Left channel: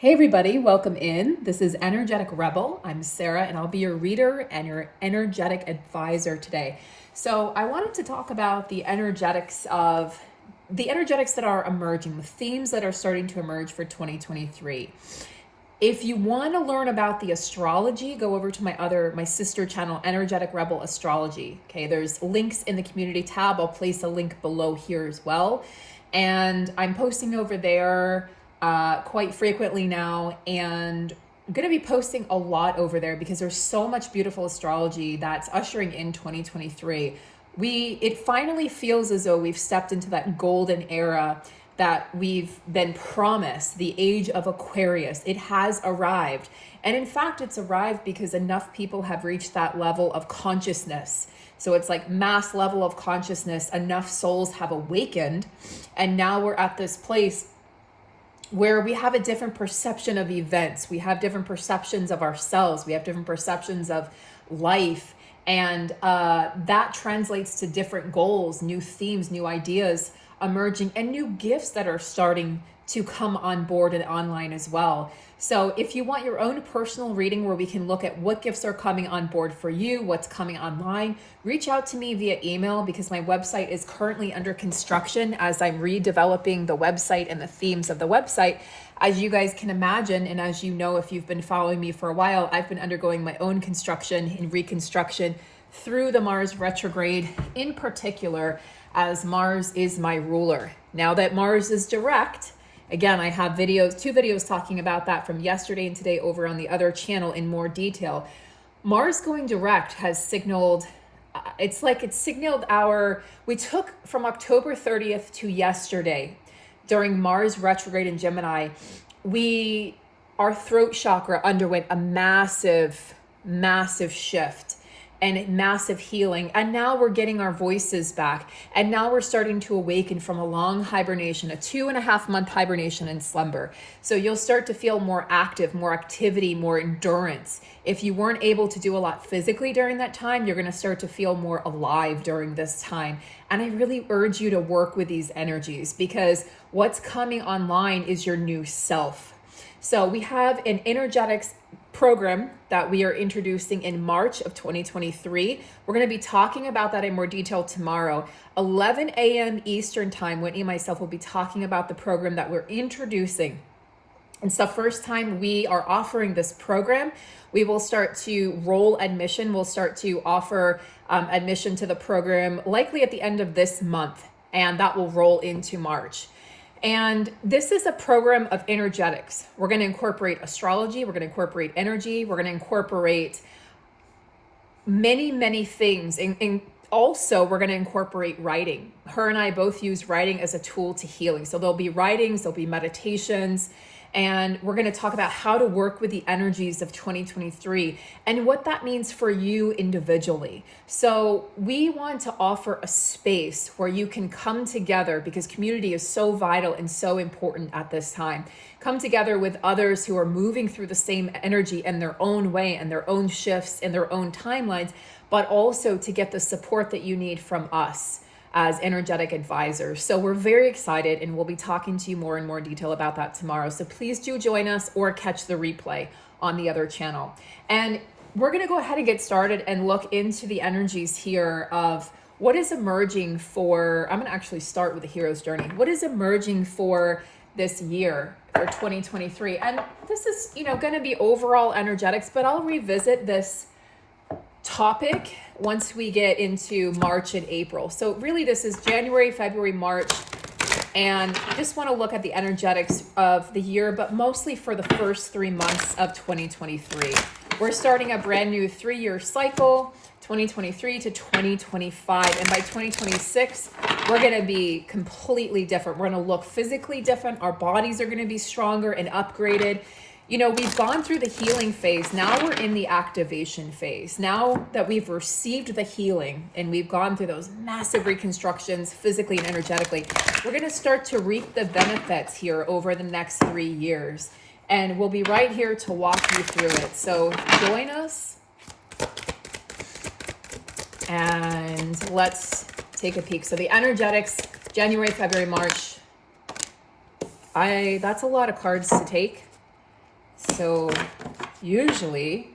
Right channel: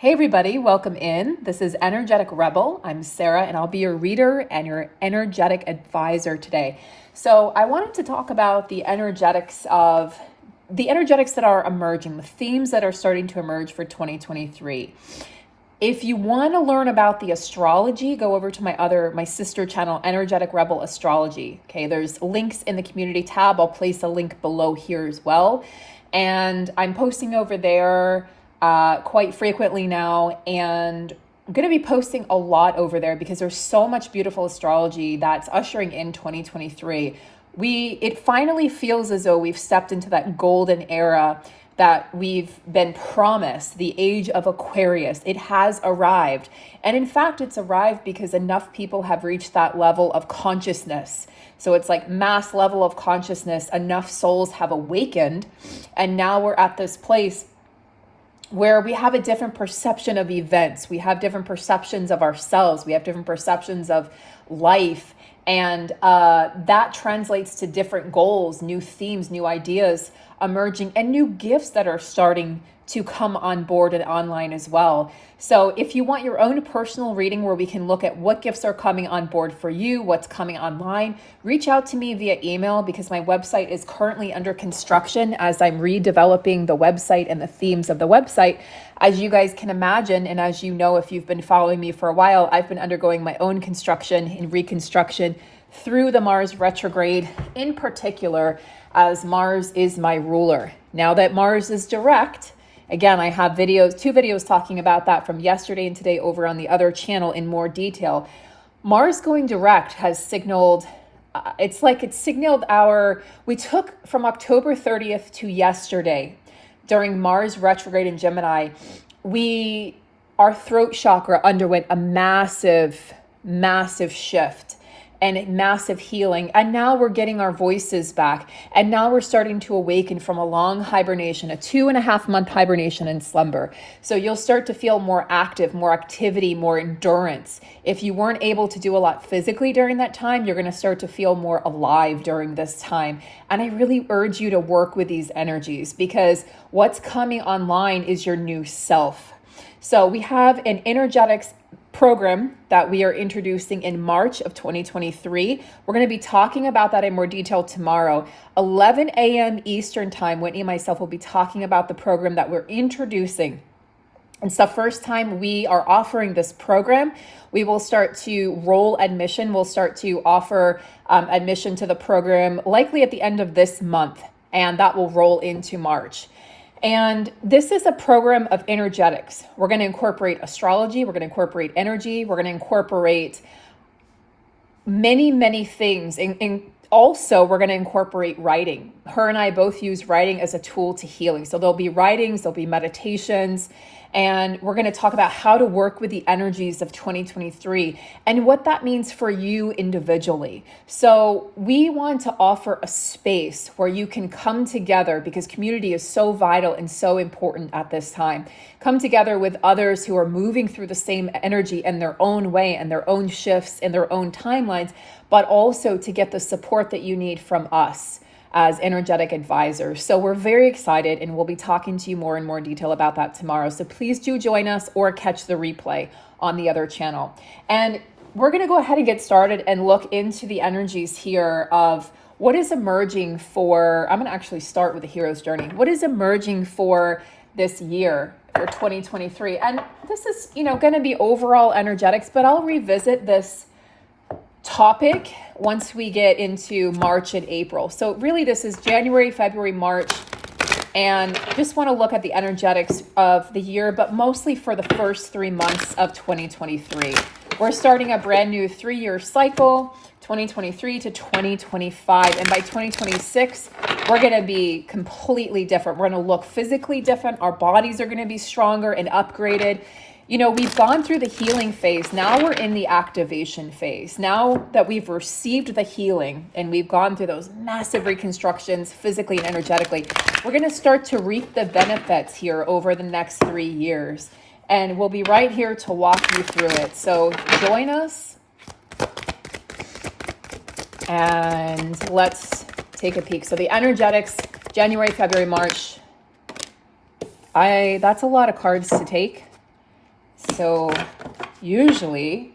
Hey everybody, welcome in. This is Energetic Rebel. I'm Sarah and I'll be your reader and your energetic advisor today. So I wanted to talk about the energetics that are emerging, the themes that are starting to emerge for 2023. If you want to learn about the astrology, go over to my sister channel, Energetic Rebel Astrology. Okay, there's links in the community tab. I'll place a link below here as well. And I'm posting over there quite frequently now, and I'm going to be posting a lot over there because there's so much beautiful astrology that's ushering in 2023. It finally feels as though we've stepped into that golden era that we've been promised, the age of Aquarius. It has arrived. And in fact, it's arrived because enough people have reached that level of consciousness. So it's like mass level of consciousness, enough souls have awakened. And now we're at this place where we have a different perception of events. We have different perceptions of ourselves. We have different perceptions of life. And that translates to different goals, new themes, new ideas emerging, and new gifts that are starting to come on board and online as well. So if you want your own personal reading where we can look at what gifts are coming on board for you, what's coming online, reach out to me via email because my website is currently under construction as I'm redeveloping the website and the themes of the website. As you guys can imagine, and as you know, if you've been following me for a while, I've been undergoing my own construction and reconstruction through the Mars retrograde in particular, as Mars is my ruler. Now that Mars is direct, again, I have two videos talking about that from yesterday and today over on the other channel in more detail. Mars going direct has signaled, we took from October 30th to yesterday during Mars retrograde in Gemini, our throat chakra underwent a massive shift and massive healing. And now we're getting our voices back. And now we're starting to awaken from a long hibernation, a 2.5 month hibernation and slumber. So you'll start to feel more active, more activity, more endurance. If you weren't able to do a lot physically during that time, you're gonna start to feel more alive during this time. And I really urge you to work with these energies because what's coming online is your new self. So we have an energetics program that we are introducing in March of 2023. We're going to be talking about that in more detail tomorrow. 11 a.m. Eastern time, Whitney and myself will be talking about the program that we're introducing. It's the first time we are offering this program. We will start to roll admission. We'll start to offer admission to the program likely at the end of this month, and that will roll into March. And this is a program of energetics. We're going to incorporate astrology. We're going to incorporate energy. We're going to incorporate many things. And also, we're going to incorporate writing. Her and I both use writing as a tool to healing. So there'll be writings, there'll be meditations, and we're going to talk about how to work with the energies of 2023 and what that means for you individually. So we want to offer a space where you can come together because community is so vital and so important at this time. Come together with others who are moving through the same energy in their own way and their own shifts and their own timelines, but also to get the support that you need from us as energetic advisors. So we're very excited and we'll be talking to you more in more detail about that tomorrow. So please do join us or catch the replay on the other channel. And we're going to go ahead and get started and look into the energies here of what is emerging for, I'm going to actually start with the hero's journey. What is emerging for this year for 2023? And this is, going to be overall energetics, but I'll revisit this topic once we get into March and April. So really this is January, February, March, and I just want to look at the energetics of the year, but mostly for the first 3 months of 2023. We're starting a brand new 3-year cycle, 2023 to 2025. And by 2026, we're going to be completely different. We're going to look physically different. Our bodies are going to be stronger and upgraded. We've gone through the healing phase. Now we're in the activation phase. Now that we've received the healing and we've gone through those massive reconstructions physically and energetically, we're going to start to reap the benefits here over the next 3 years. And we'll be right here to walk you through it. So join us and let's take a peek. So the energetics, January, February, March. That's a lot of cards to take. So usually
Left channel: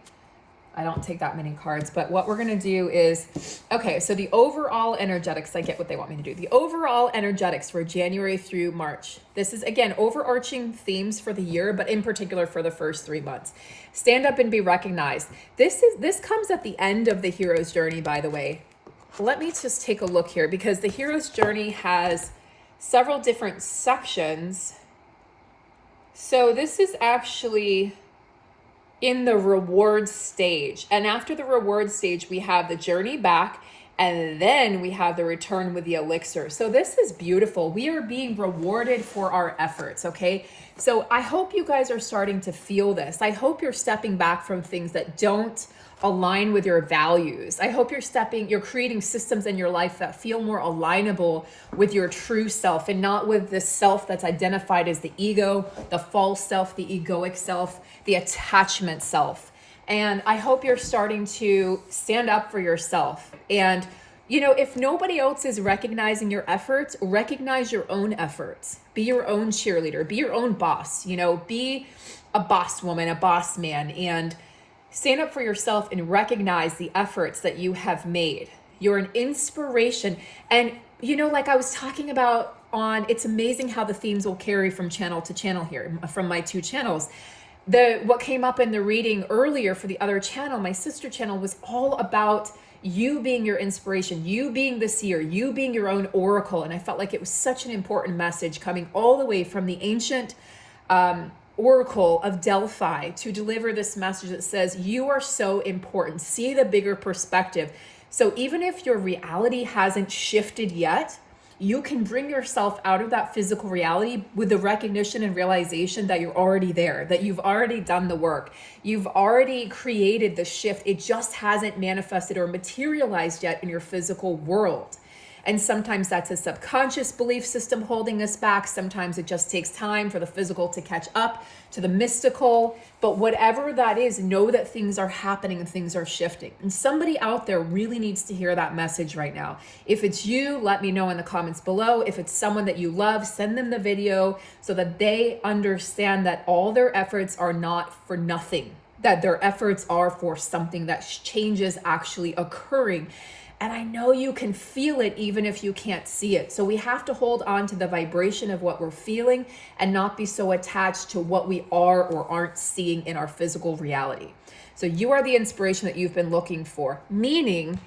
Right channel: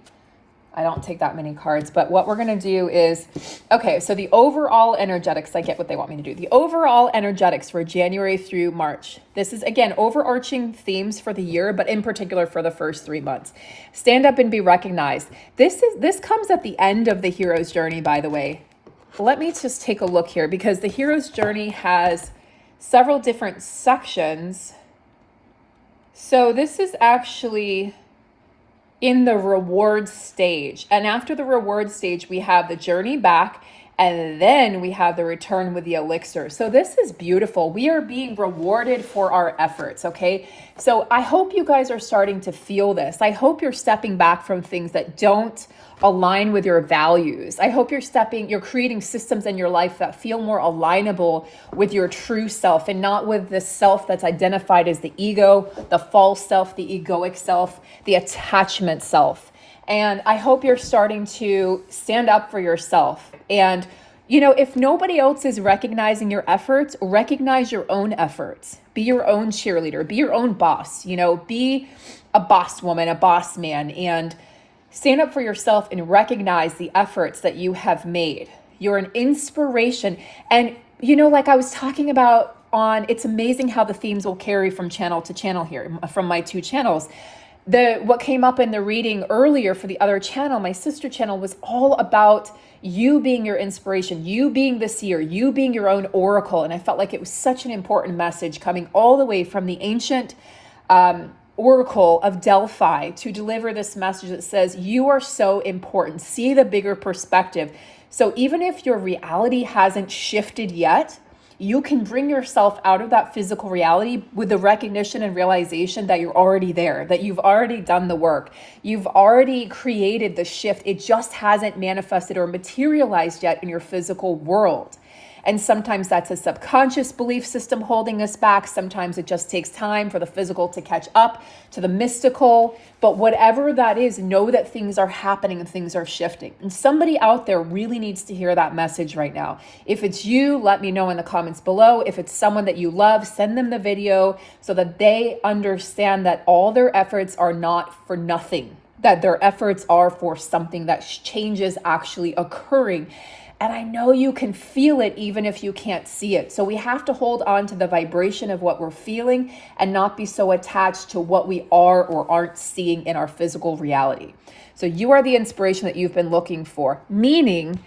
I don't take that many cards, but what we're going to do is, okay, so the overall energetics, I get what they want me to do. The overall energetics for January through March. This is, again, overarching themes for the year, but in particular for the first 3 months. Stand up and be recognized. This comes at the end of the hero's journey, by the way. Let me just take a look here, because the hero's journey has several different sections. So this is actually in the reward stage. And after the reward stage, we have the journey back, and then we have the return with the elixir. So this is beautiful. We are being rewarded for our efforts, okay? So I hope you guys are starting to feel this. I hope you're stepping back from things that don't align with your values. I hope you're creating systems in your life that feel more alignable with your true self, and not with the self that's identified as the ego, the false self, the egoic self, the attachment self. And I hope you're starting to stand up for yourself. And, you know, if nobody else is recognizing your efforts, recognize your own efforts. Be your own cheerleader, be your own boss, you know, be a boss woman, a boss man, and stand up for yourself and recognize the efforts that you have made. You're an inspiration. And, you know, like I was talking about it's amazing how the themes will carry from channel to channel here, from my 2 channels. What came up in the reading earlier for the other channel, my sister channel, was all about you being your inspiration, you being the seer, you being your own oracle. And I felt like it was such an important message coming all the way from the ancient Oracle of Delphi to deliver this message that says you are so important. See the bigger perspective. So even if your reality hasn't shifted yet, you can bring yourself out of that physical reality with the recognition and realization that you're already there, that you've already done the work. You've already created the shift. It just hasn't manifested or materialized yet in your physical world. And sometimes that's a subconscious belief system holding us back. Sometimes it just takes time for the physical to catch up to the mystical. But whatever that is, know that things are happening and things are shifting. And somebody out there really needs to hear that message right now. If it's you, let me know in the comments below. If it's someone that you love, send them the video so that they understand that all their efforts are not for nothing, that their efforts are for something, that change is actually occurring. And I know you can feel it even if you can't see it. So we have to hold on to the vibration of what we're feeling and not be so attached to what we are or aren't seeing in our physical reality. So you are the inspiration that you've been looking for, meaning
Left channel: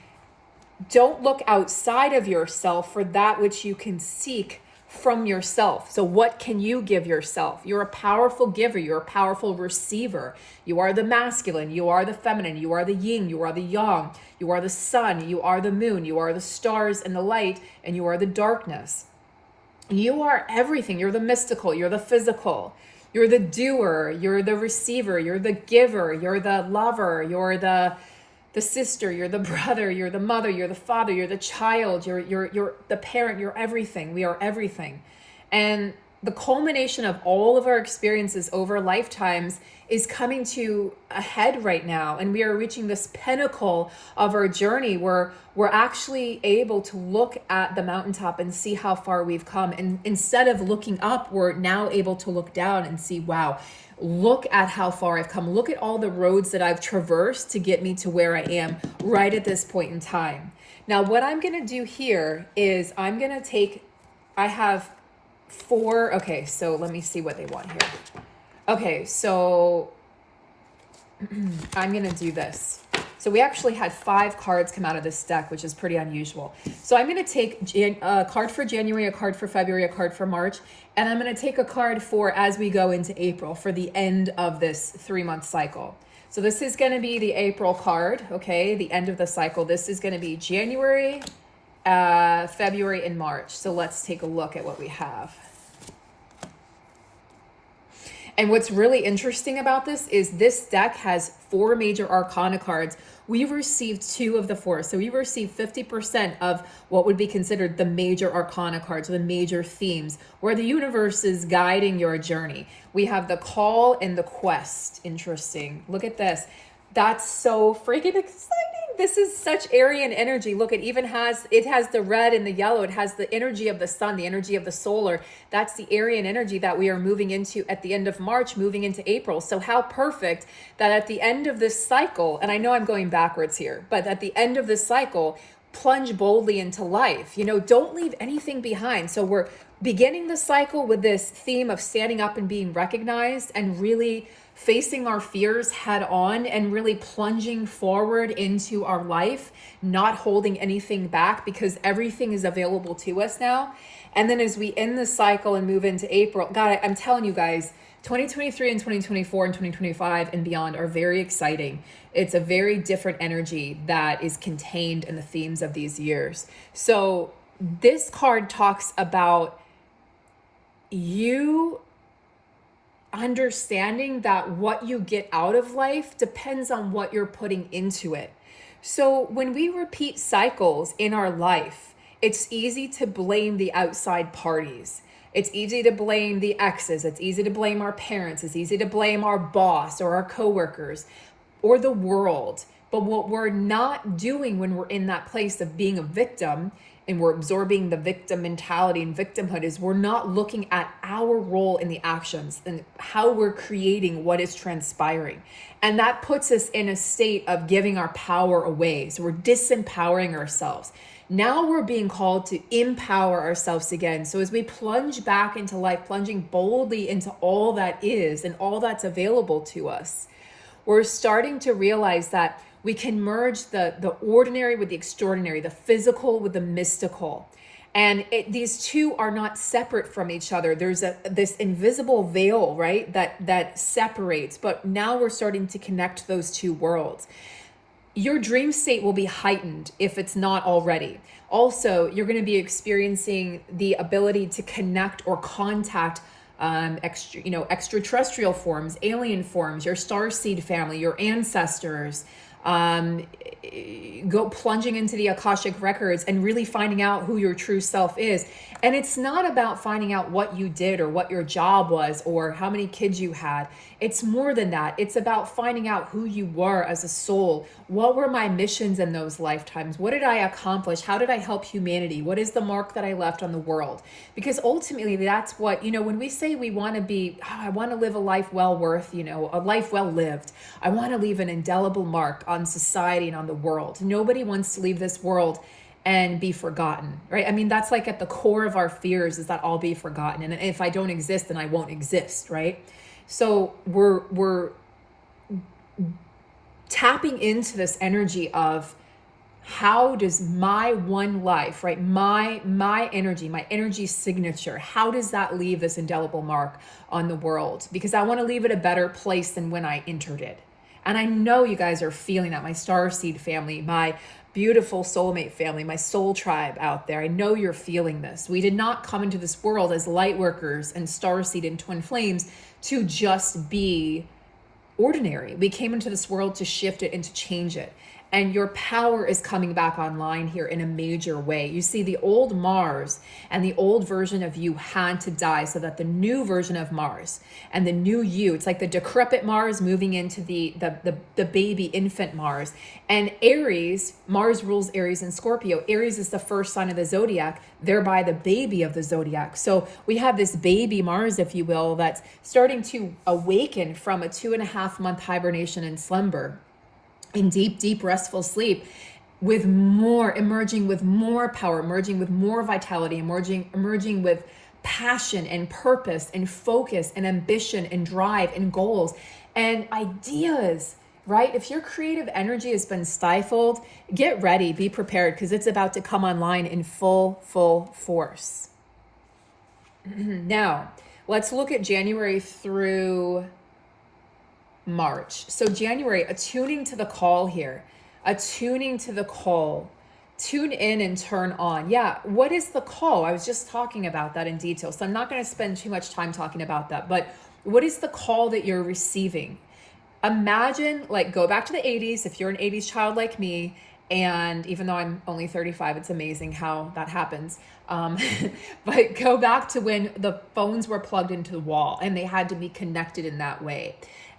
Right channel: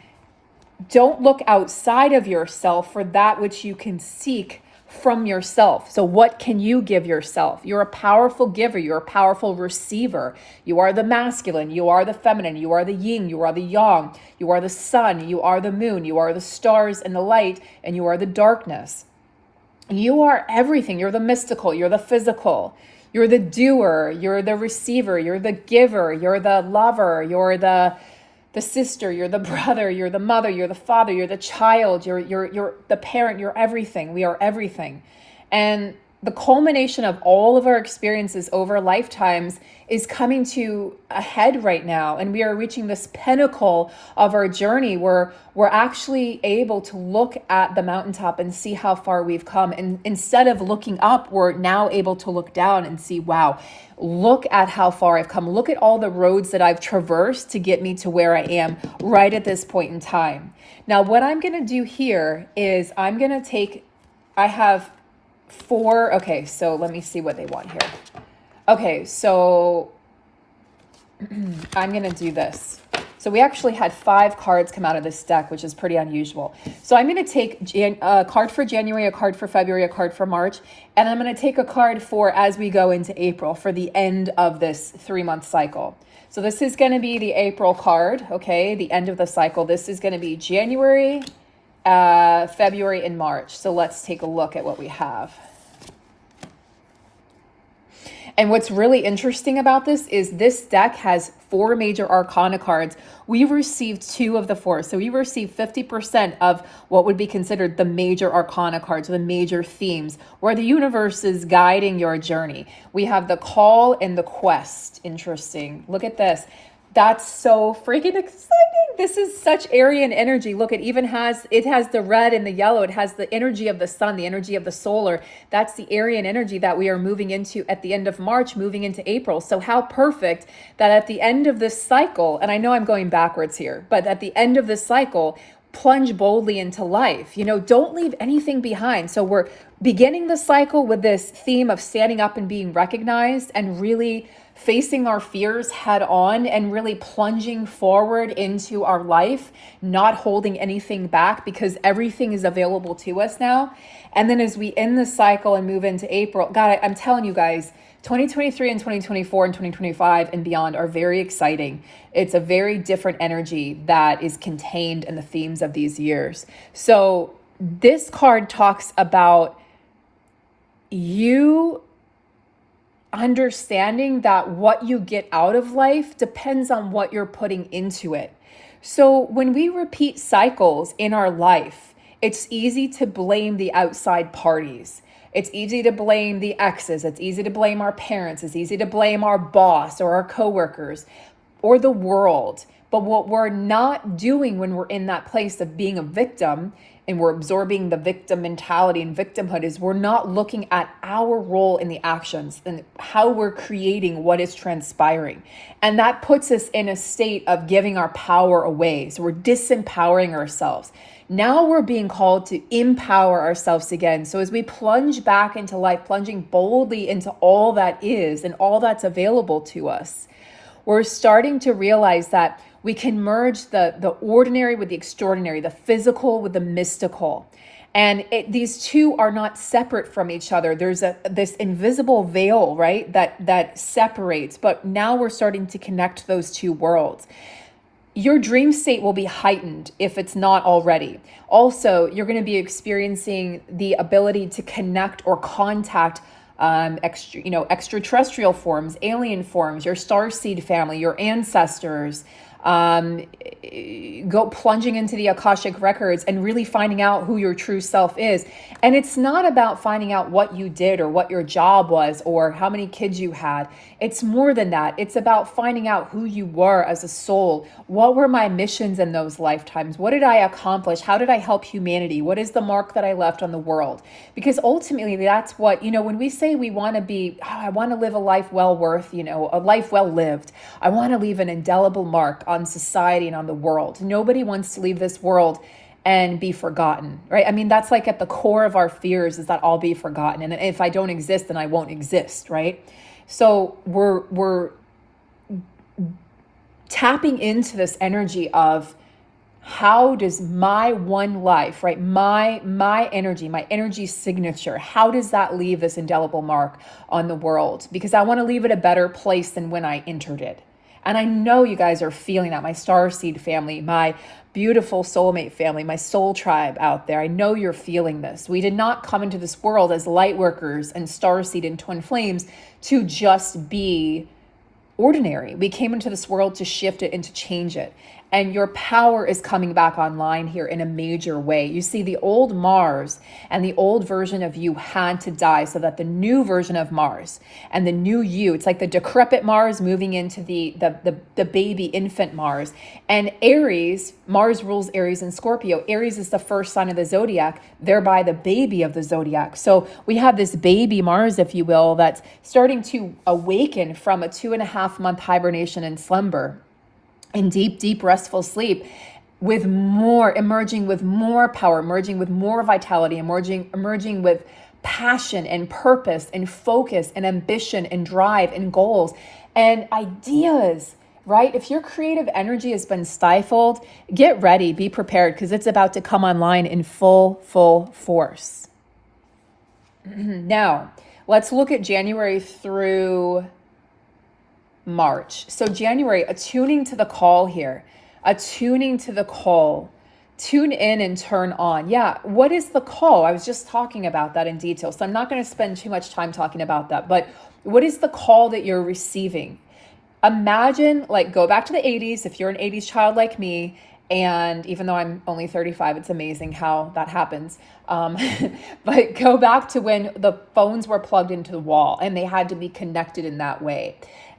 don't look outside of yourself for that which you can seek from yourself. So what can you give yourself? You're a powerful giver. You're a powerful receiver. You are the masculine. You are the feminine. You are the yin. You are the yang. You are the sun. You are the moon. You are the stars and the light, and you are the darkness. You are everything. You're the mystical. You're the physical. You're the doer. You're the receiver. You're the giver. You're the lover. You're the sister, you're the brother, you're the mother, you're the father, you're the child, you're the parent, you're everything. We are everything. And the culmination of all of our experiences over lifetimes is coming to a head right now. And we are reaching this pinnacle of our journey where we're actually able to look at the mountaintop and see how far we've come. And instead of looking up, we're now able to look down and see, wow, look at how far I've come. Look at all the roads that I've traversed to get me to where I am right at this point in time. Now, what I'm going to do here is I'm going to I have 4. Okay, so let me see what they want here. Okay, so I'm going to do this. So we actually had 5 cards come out of this deck, which is pretty unusual. So I'm going to take a card for January, a card for February, a card for March, and I'm going to take a card for as we go into April for the end of this 3-month cycle. So this is going to be the April card, okay, the end of the cycle. This is going to be January, February, and March. So let's take a look at what we have. And what's really interesting about this is this deck has 4 major arcana cards. We received 2 of the 4. So we received 50% of what would be considered the major arcana cards, the major themes, where the universe is guiding your journey. We have the call and the quest. Interesting. Look at this. That's so freaking exciting. this is such Aryan energy. Look, it has the red and the yellow. It has the energy of the sun, the energy of the solar. That's the Aryan energy that we are moving into at the end of March, moving into April. So how perfect that at the end of this cycle, and I know I'm going backwards here, but at the end of this cycle, plunge boldly into life. Don't leave anything behind. So we're beginning the cycle with this theme of standing up and being recognized and really facing our fears head on and really plunging forward into our life, not holding anything back because everything is available to us now. And then as we end the cycle and move into April, God, I'm telling you guys, 2023 and 2024 and 2025 and beyond are very exciting. It's a very different energy that is contained in the themes of these years. So this card talks about you understanding that what you get out of life depends on what you're putting into it. So when we repeat cycles in our life, it's easy to blame the outside parties. It's easy to blame the exes. It's easy to blame our parents. It's easy to blame our boss or our coworkers or the world. But what we're not doing when we're in that place of being a victim and we're absorbing the victim mentality and victimhood is we're not looking at our role in the actions and how we're creating what is transpiring. And that puts us in a state of giving our power away. So we're disempowering ourselves. Now we're being called to empower ourselves again. So as we plunge back into life, plunging boldly into all that is and all that's available to us, we're starting to realize that we can merge the ordinary with the extraordinary, the physical with the mystical. And these two are not separate from each other. There's this invisible veil, right, that separates. But now we're starting to connect those two worlds. Your dream state will be heightened if it's not already. Also, you're going to be experiencing the ability to connect or contact extraterrestrial forms, alien forms, your starseed family, your ancestors. Go plunging into the Akashic records and really finding out who your true self is. And it's not about finding out what you did or what your job was or how many kids you had. It's more than that. It's about finding out who you were as a soul. What were my missions in those lifetimes? What did I accomplish? How did I help humanity? What is the mark that I left on the world? Because ultimately that's what, when we say we want to be, I want to live a life well worth, a life well lived. I want to leave an indelible mark on society and on the world. Nobody wants to leave this world and be forgotten, right? I mean, that's like at the core of our fears is that I'll be forgotten. And if I don't exist, then I won't exist, right? So we're tapping into this energy of how does my one life, right? My energy signature, how does that leave this indelible mark on the world? Because I want to leave it a better place than when I entered it. And I know you guys are feeling that, my starseed family, my beautiful soulmate family, my soul tribe out there. I know you're feeling this. We did not come into this world as light workers and starseed and twin flames to just be ordinary. We came into this world to shift it and to change it. And your power is coming back online here in a major way. You see, the old Mars and the old version of you had to die so that the new version of Mars and the new you, it's like the decrepit Mars moving into the baby infant Mars. And Aries, Mars rules Aries and Scorpio. Aries is the first sign of the zodiac, thereby the baby of the zodiac. So we have this baby Mars, if you will, that's starting to awaken from a 2.5-month hibernation and slumber. In deep, restful sleep, emerging with more power, emerging with more vitality, emerging with passion and purpose and focus and ambition and drive and goals and ideas, right? If your creative energy has been stifled, get ready, be prepared, because it's about to come online in full force. Now, let's look at January through March. So January, attuning to the call here, attuning to the call, tune in and turn on. Yeah, what is the call? I was just talking about that in detail, so I'm not going to spend too much time talking about that, but what is the call that you're receiving? Imagine, go back to the 80s, if you're an 80s child like me, and even though I'm only 35, it's amazing how that happens. But go back to when the phones were plugged into the wall and they had to be connected in that way.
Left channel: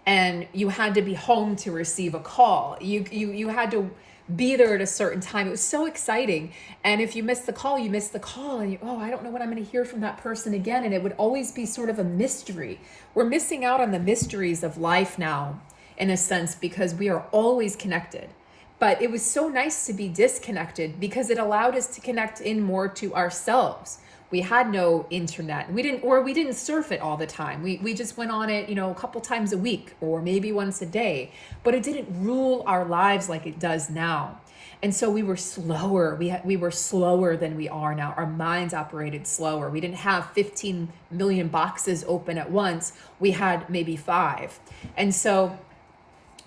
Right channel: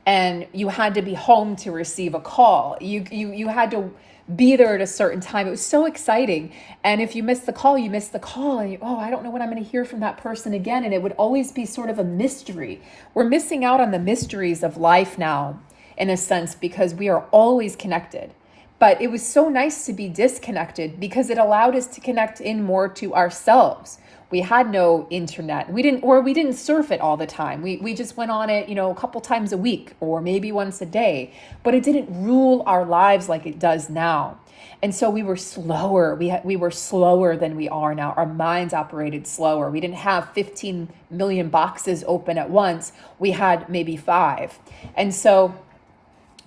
and you had to be home to receive a call. You had to be there at a certain time. It was so exciting. And if you missed the call, you missed the call, and oh, I don't know when I'm going to hear from that person again. And it would always be sort of a mystery. We're missing out on the mysteries of life now, in a sense, because we are always connected. But it was so nice to be disconnected because it allowed us to connect in more to ourselves. We had no internet. We didn't surf it all the time. We just went on it, a couple times a week or maybe once a day, but it didn't rule our lives like it does now. And so we were slower. We were slower than we are now. Our minds operated slower. We didn't have 15 million boxes open at once. We had maybe 5. And so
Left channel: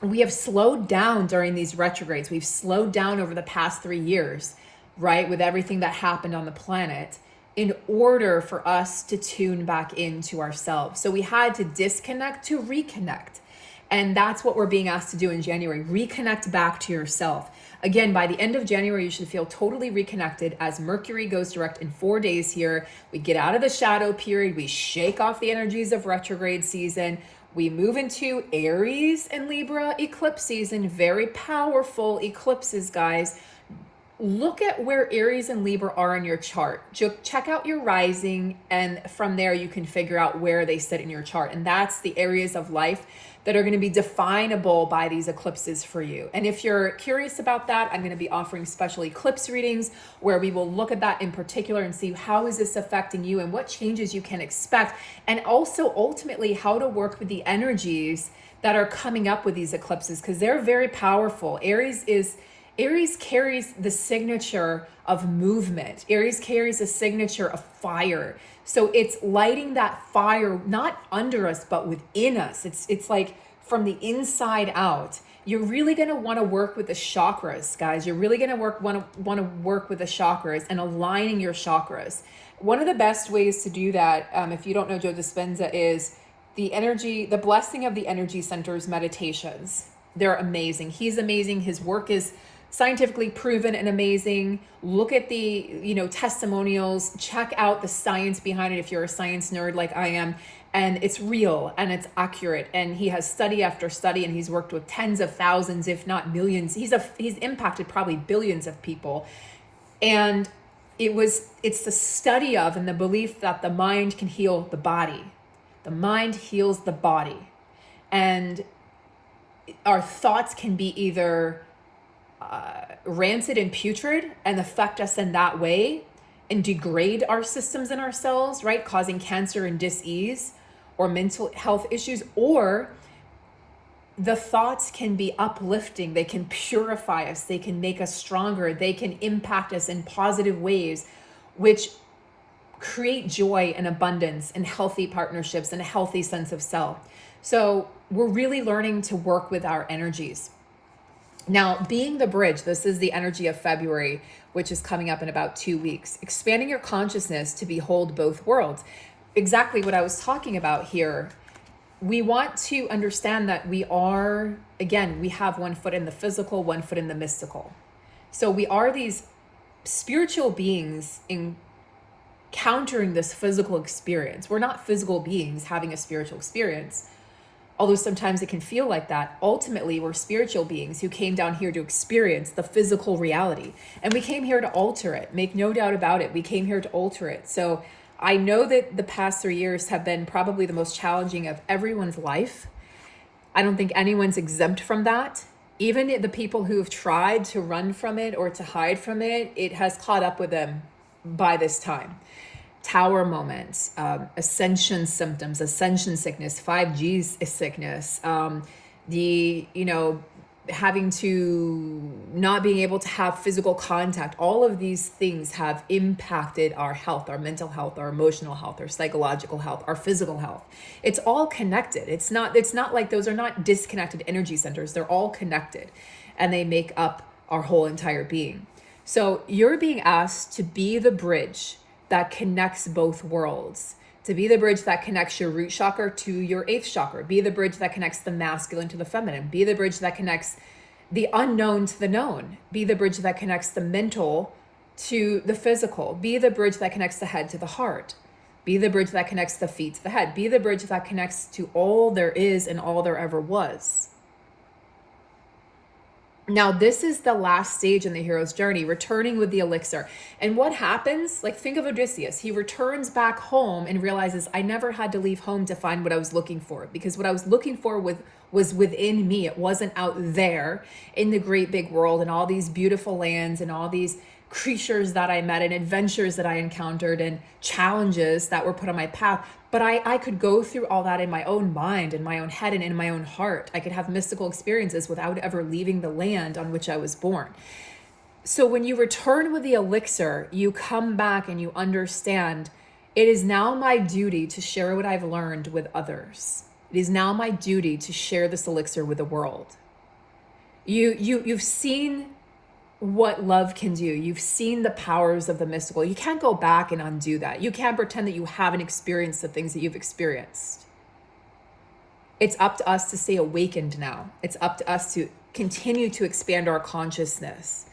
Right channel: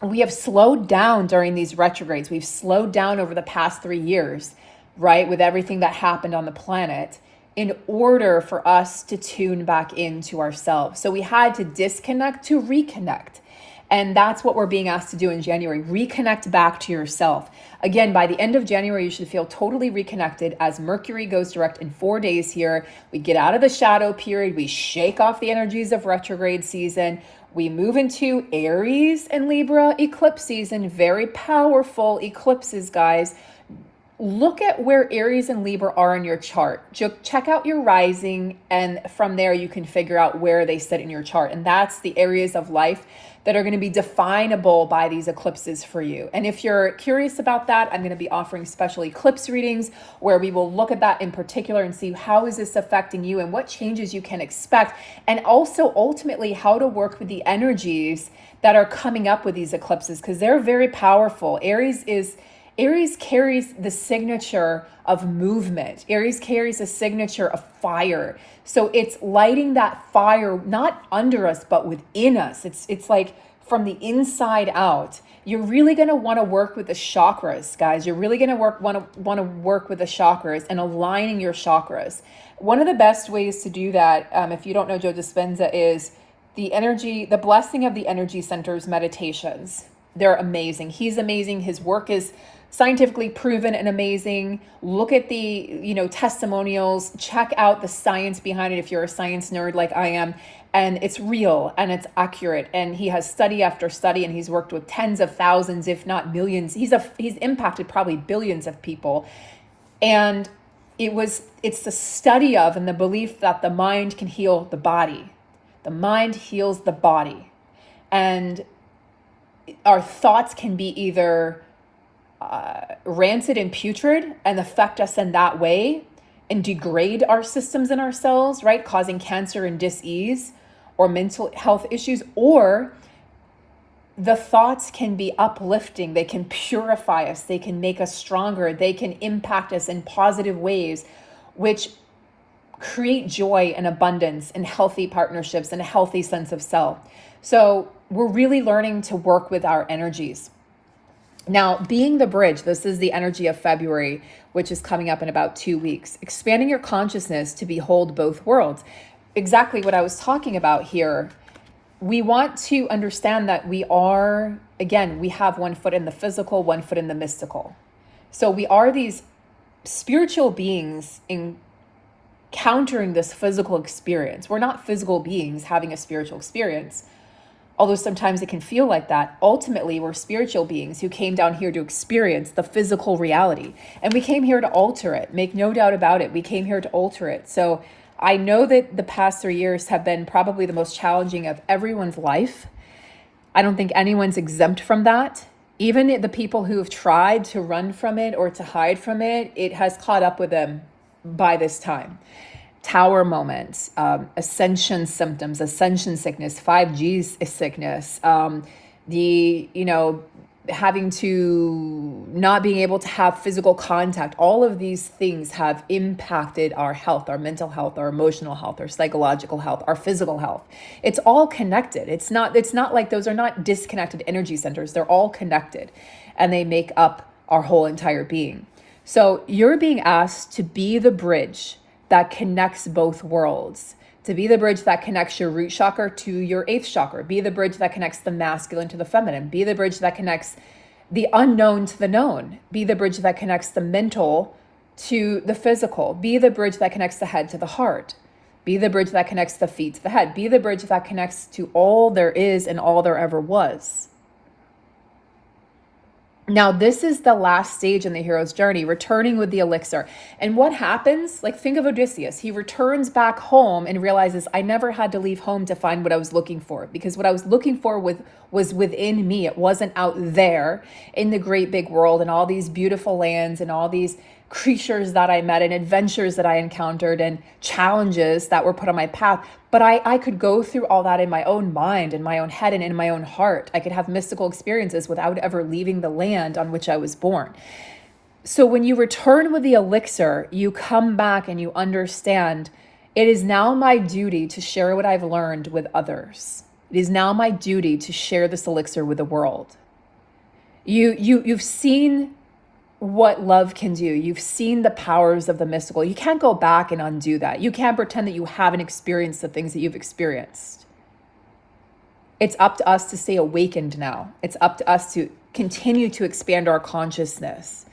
we have slowed down during these retrogrades. We've slowed down over the past 3 years, right? With everything that happened on the planet, in order for us to tune back into ourselves. So we had to disconnect to reconnect. And that's what we're being asked to do in January. Reconnect back to yourself. Again, by the end of January, you should feel totally reconnected as Mercury goes direct in 4 days here. We get out of the shadow period. We shake off the energies of retrograde season. We move into Aries and Libra eclipse season. Very powerful eclipses, guys. Look at where Aries and Libra are in your chart. Check out your rising, and from there you can figure out where they sit in your chart. And that's the areas of life that are going to be definable by these eclipses for you. And if you're curious about that, I'm going to be offering special eclipse readings where we will look at that in particular and see how is this affecting you and what changes you can expect, and also ultimately how to work with the energies that are coming up with these eclipses, because they're very powerful. Aries carries the signature of movement. Aries carries a signature of fire. So it's lighting that fire, not under us, but within us. It's like from the inside out. You're really going to want to work with the chakras, guys. You're really going to want to work with the chakras and aligning your chakras. One of the best ways to do that, if you don't know Joe Dispenza, is the blessing of the energy centers meditations. They're amazing. He's amazing. His work is scientifically proven and amazing. Look at the, testimonials, check out the science behind it if you're a science nerd like I am. And it's real and it's accurate. And he has study after study, and he's worked with tens of thousands, if not millions. He's impacted probably billions of people. And it's the study of and the belief that the mind can heal the body. The mind heals the body. And our thoughts can be either rancid and putrid and affect us in that way and degrade our systems and our cells, right? Causing cancer and dis-ease or mental health issues, or the thoughts can be uplifting. They can purify us. They can make us stronger. They can impact us in positive ways, which create joy and abundance and healthy partnerships and a healthy sense of self. So we're really learning to work with our energies. Now, being the bridge, this is the energy of February, which is coming up in about 2 weeks. Expanding your consciousness to behold both worlds. Exactly what I was talking about here. We want to understand that we have 1 foot in the physical, 1 foot in the mystical. So we are these spiritual beings encountering this physical experience. We're not physical beings having a spiritual experience. Although sometimes it can feel like that. Ultimately, we're spiritual beings who came down here to experience the physical reality. And we came here to alter it. Make no doubt about it. We came here to alter it. So I know that the past 3 years have been probably the most challenging of everyone's life. I don't think anyone's exempt from that. Even the people who have tried to run from it or to hide from it, it has caught up with them by this time. Tower moments, ascension symptoms, ascension sickness, 5G sickness, having to not being able to have physical contact. All of these things have impacted our health, our mental health, our emotional health, our psychological health, our physical health. It's all connected. It's not like those are not disconnected energy centers. They're all connected, and they make up our whole entire being. So you're being asked to be the bridge that connects both worlds, to be the bridge that connects your root chakra to your 8th chakra, be the bridge that connects the masculine to the feminine, be the bridge that connects the unknown to the known, be the bridge that connects the mental to the physical, be the bridge that connects the head to the heart. Be the bridge that connects the feet to the head. Be the bridge that connects to all there is and all there ever was. Now, this is the last stage in the hero's journey, returning with the elixir. And what happens? Like, think of Odysseus. He returns back home and realizes, I never had to leave home to find what I was looking for, because what I was looking for was within me. It wasn't out there in the great big world and all these beautiful lands and all these creatures that I met and adventures that I encountered and challenges that were put on my path. But I could go through all that in my own mind, in my own head, and in my own heart. I could have mystical experiences without ever leaving the land on which I was born. So when you return with the elixir, you come back and you understand, it is now my duty to share what I've learned with others. It is now my duty to share this elixir with the world. You've seen what love can do. You've seen the powers of the mystical. You can't go back and undo that. You can't pretend that you haven't experienced the things that you've experienced. It's up to us to stay awakened now. It's up to us to continue to expand our consciousness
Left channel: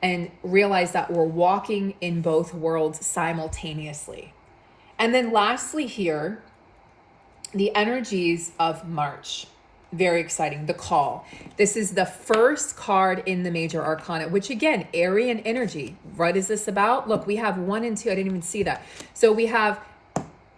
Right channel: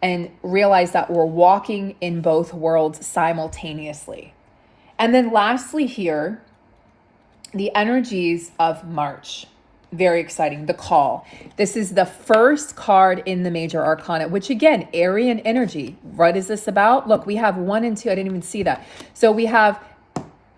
and realize that we're walking in both worlds simultaneously. And then lastly here, the energies of March. Very exciting. The call. This is the first card in the major arcana, which again, Aryan energy. What is this about? Look, we have 1 and 2. I didn't even see that. So we have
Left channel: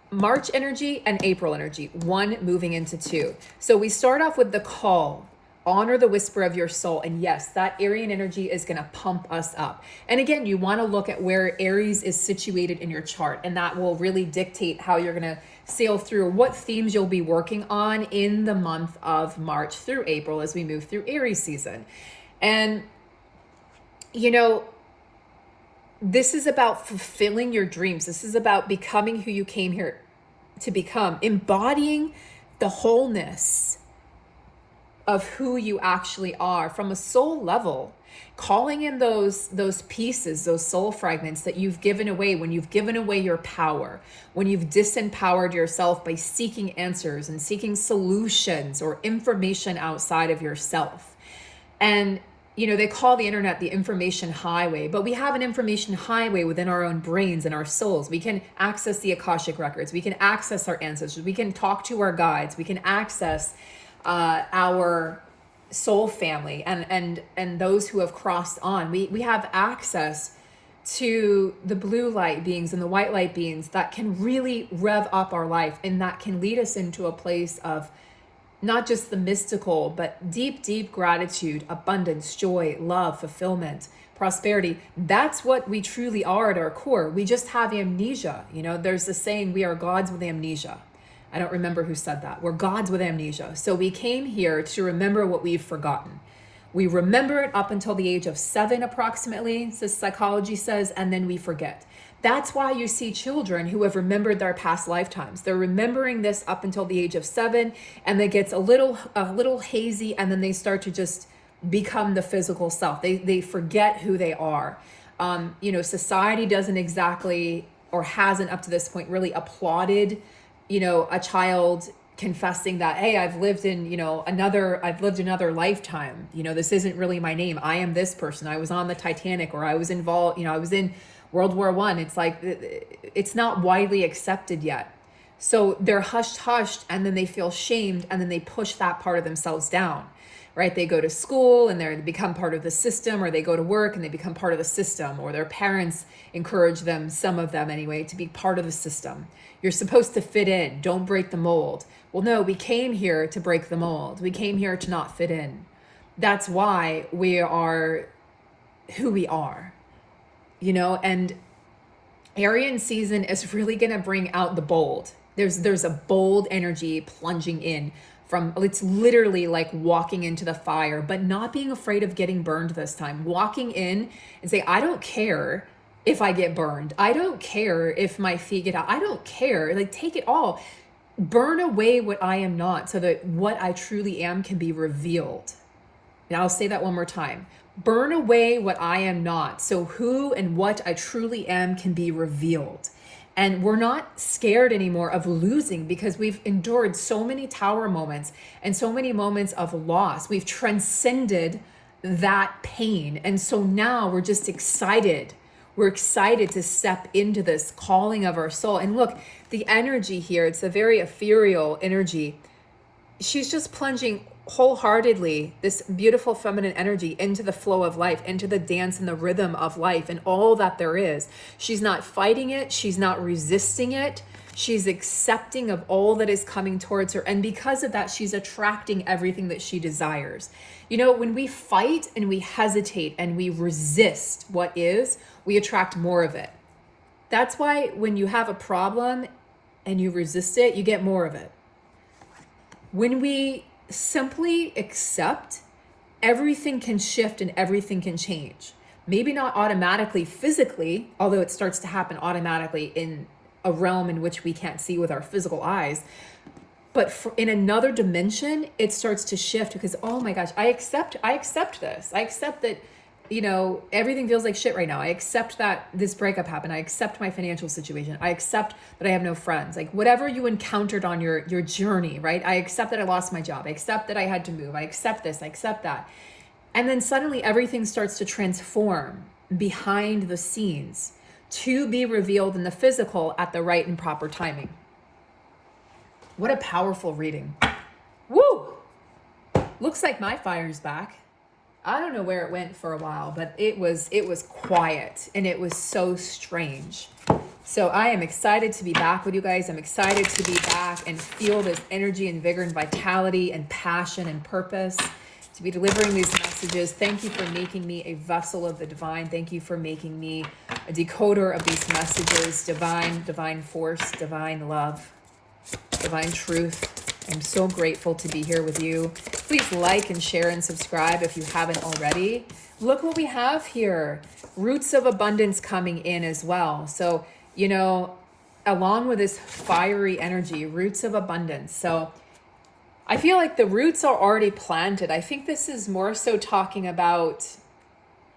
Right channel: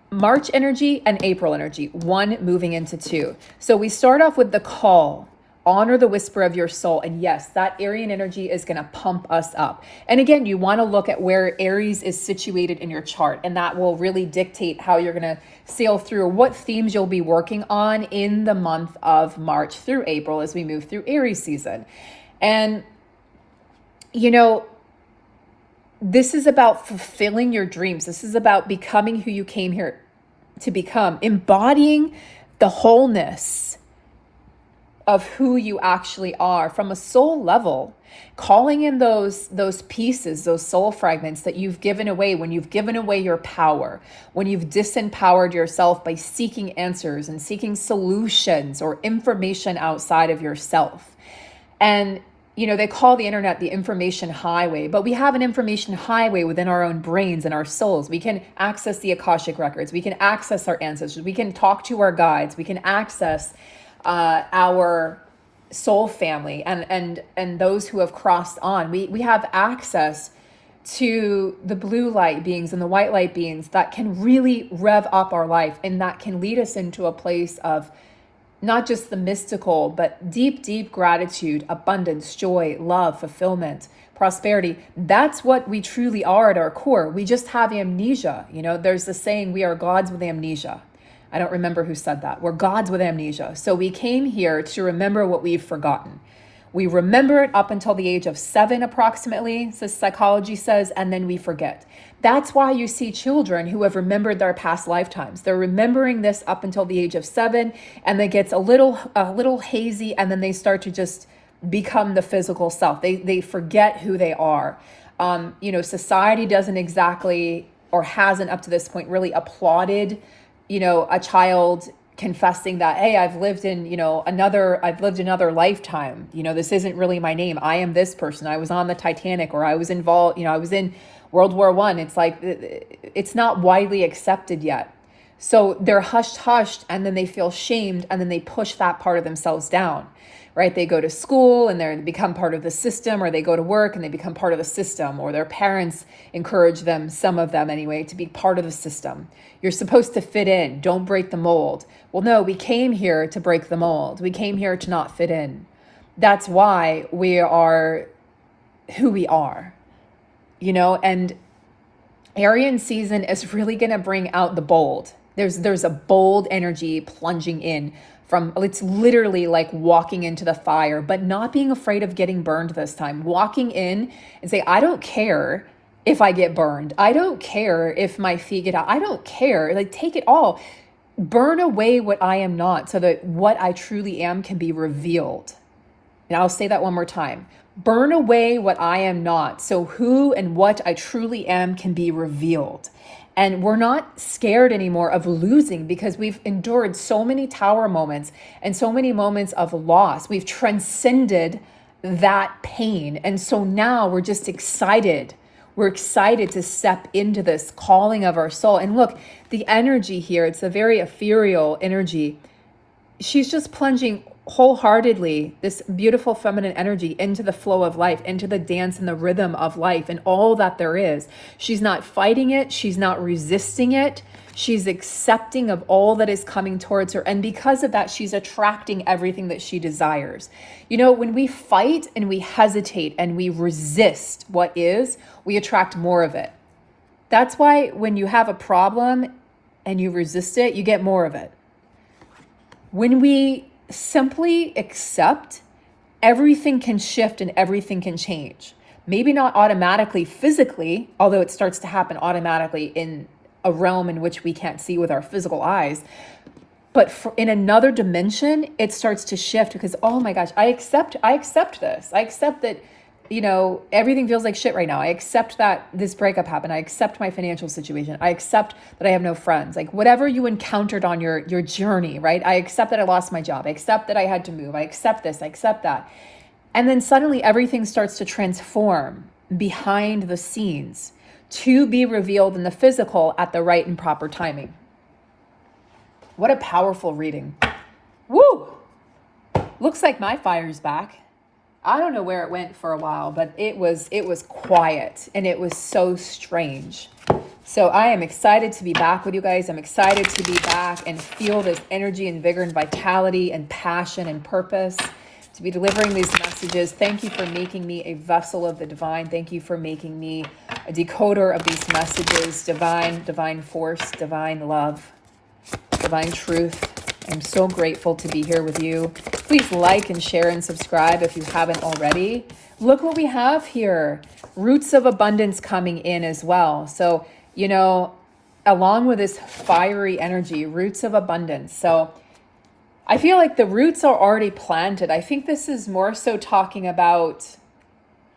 March energy and April energy, 1 moving into 2. So we start off with the call. Honor the whisper of your soul. And yes, that Aryan energy is going to pump us up. And again, you want to look at where Aries is situated in your chart, and that will really dictate how you're going to sail through, what themes you'll be working on in the month of March through April as we move through Aries season. And, you know, this is about fulfilling your dreams. This is about becoming who you came here to become, embodying the wholeness of who you actually are from a soul level, calling in those pieces, those soul fragments that you've given away when you've given away your power, when you've disempowered yourself by seeking answers and seeking solutions or information outside of yourself. And, you know, they call the internet the information highway, but we have an information highway within our own brains and our souls. We can access the Akashic records. We can access our ancestors. We can talk to our guides. We can access our soul family and those who have crossed on. We have access to the blue light beings and the white light beings that can really rev up our life, and that can lead us into a place of not just the mystical, but deep gratitude, abundance, joy, love, fulfillment, prosperity. That's what we truly are at our core. We just have amnesia. You know, there's the saying, we are gods with amnesia. I don't remember who said that. We're gods with amnesia. So we came here to remember what we've forgotten. We remember it up until the age of 7 approximately, so psychology says, and then we forget. That's why you see children who have remembered their past lifetimes. They're remembering this up until the age of 7, and it gets a little hazy, and then they start to just become the physical self. They forget who they are. You know, society doesn't exactly, or hasn't up to this point, really applauded, you know, a child confessing that, hey, I've lived another lifetime. You know, this isn't really my name. I am this person. I was on the Titanic, or I was involved, you know, I was in World War I. It's like, it's not widely accepted yet. So they're hushed, and then they feel shamed, and then they push that part of themselves down, right? They go to school and they become part of the system, or they go to work and they become part of the system, or their parents encourage them, some of them anyway, to be part of the system. You're supposed to fit in, don't break the mold. Well, no, we came here to break the mold. We came here to not fit in. That's why we are who we are, you know, and Aryan season is really going to bring out the bold. There's a bold energy plunging in from, it's literally like walking into the fire, but not being afraid of getting burned this time. Walking in and say, I don't care if I get burned. I don't care if my feet get out. I don't care. Like, take it all. Burn away what I am not, so that what I truly am can be revealed. And I'll say that one more time. Burn away what I am not, so who and what I truly am can be revealed. And we're not scared anymore of losing, because we've endured so many tower moments and so many moments of loss. We've transcended that pain. And so now we're just excited. We're excited to step into this calling of our soul. And look, the energy here, it's a very ethereal energy. She's just plunging wholeheartedly this beautiful feminine energy into the flow of life, into the dance and the rhythm of life and all that there is. She's not fighting it. She's not resisting it. She's accepting of all that is coming towards her. And because of that, she's attracting everything that she desires. You know, when we fight and we hesitate and we resist what is, we attract more of it. That's why when you have a problem and you resist it, you get more of it. When we simply accept, everything can shift and everything can change. Maybe not automatically physically, although it starts to happen automatically in a realm in which we can't see with our physical eyes. But in another dimension, it starts to shift because, oh my gosh, I accept this. I accept that, you know, everything feels like shit right now. I accept that this breakup happened. I accept my financial situation. I accept that I have no friends. Like whatever you encountered on your journey, right? I accept that I lost my job. I accept that I had to move. I accept this. I accept that. And then suddenly everything starts to transform behind the scenes to be revealed in the physical at the right and proper timing. What a powerful reading. Woo! Looks like my fire's back. I don't know where it went for a while, but it was quiet and it was so strange. So I am excited to be back with you guys. I'm excited to be back and feel this energy and vigor and vitality and passion and purpose to be delivering these messages. Thank you for making me a vessel of the divine. Thank you for making me a decoder of these messages. Divine force, divine love, divine truth. I'm so grateful to be here with you. Please like and share and subscribe if you haven't already. Look what we have here. Roots of abundance coming in as well. So, you know, along with this fiery energy, roots of abundance. So I feel like the roots are already planted. I think this is more so talking about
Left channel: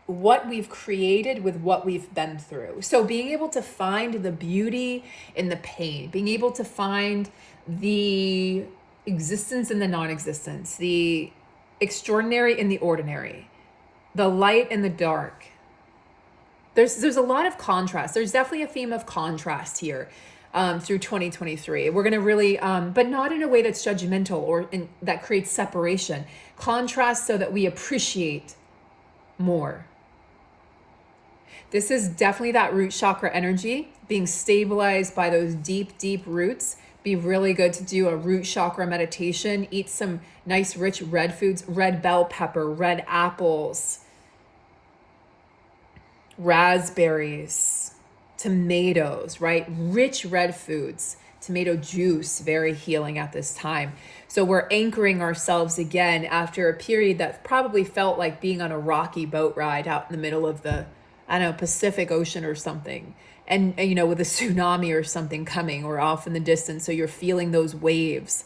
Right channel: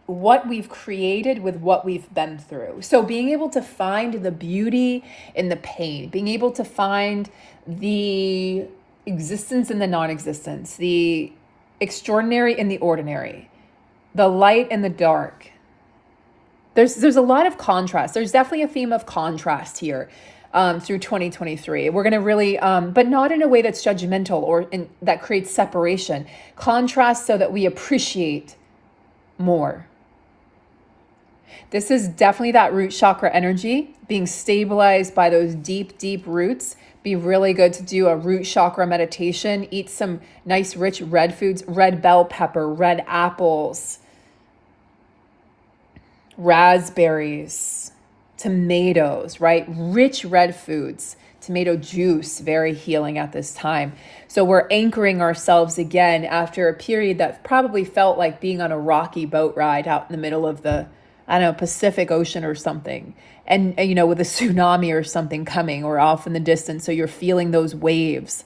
what we've created with what we've been through. So being able to find the beauty in the pain, being able to find the existence in the non-existence, the extraordinary in the ordinary, the light and the dark. There's a lot of contrast. There's definitely a theme of contrast here through 2023. We're going to really, but not in a way that's judgmental or that creates separation. Contrast so that we appreciate more. This is definitely that root chakra energy being stabilized by those deep, deep roots. Be really good to do a root chakra meditation. Eat some nice rich red foods, red bell pepper, red apples, raspberries, tomatoes, right? Rich red foods, tomato juice, very healing at this time. So we're anchoring ourselves again after a period that probably felt like being on a rocky boat ride out in the middle of the, I don't know, Pacific Ocean or something. And, you know, with a tsunami or something coming or off in the distance. So you're feeling those waves.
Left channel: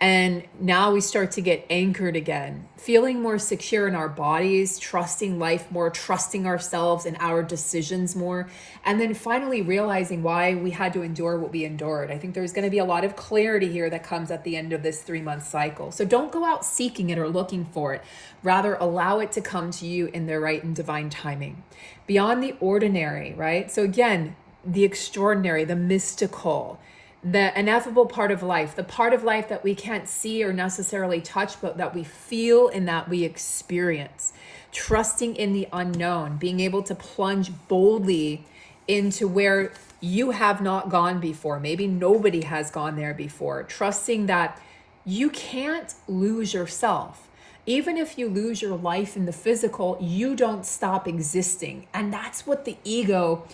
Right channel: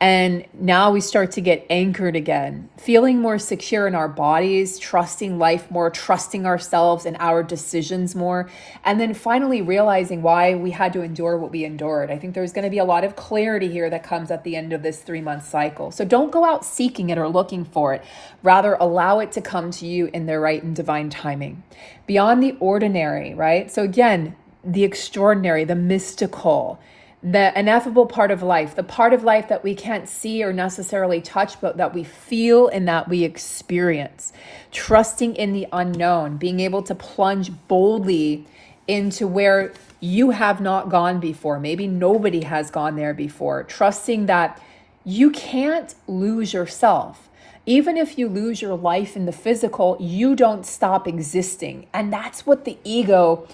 And now we start to get anchored again, feeling more secure in our bodies, trusting life more, trusting ourselves and our decisions more. And then finally realizing why we had to endure what we endured. I think there's going to be a lot of clarity here that comes at the end of this 3-month cycle. So don't go out seeking it or looking for it. Rather, allow it to come to you in their right and divine timing. Beyond the ordinary, right? So again, the extraordinary, the mystical, the ineffable part of life, the part of life that we can't see or necessarily touch, but that we feel and that we experience. Trusting in the unknown, being able to plunge boldly into where you have not gone before. Maybe nobody has gone there before. Trusting that you can't lose yourself. Even if you lose your life in the physical, you don't stop existing. And that's what the ego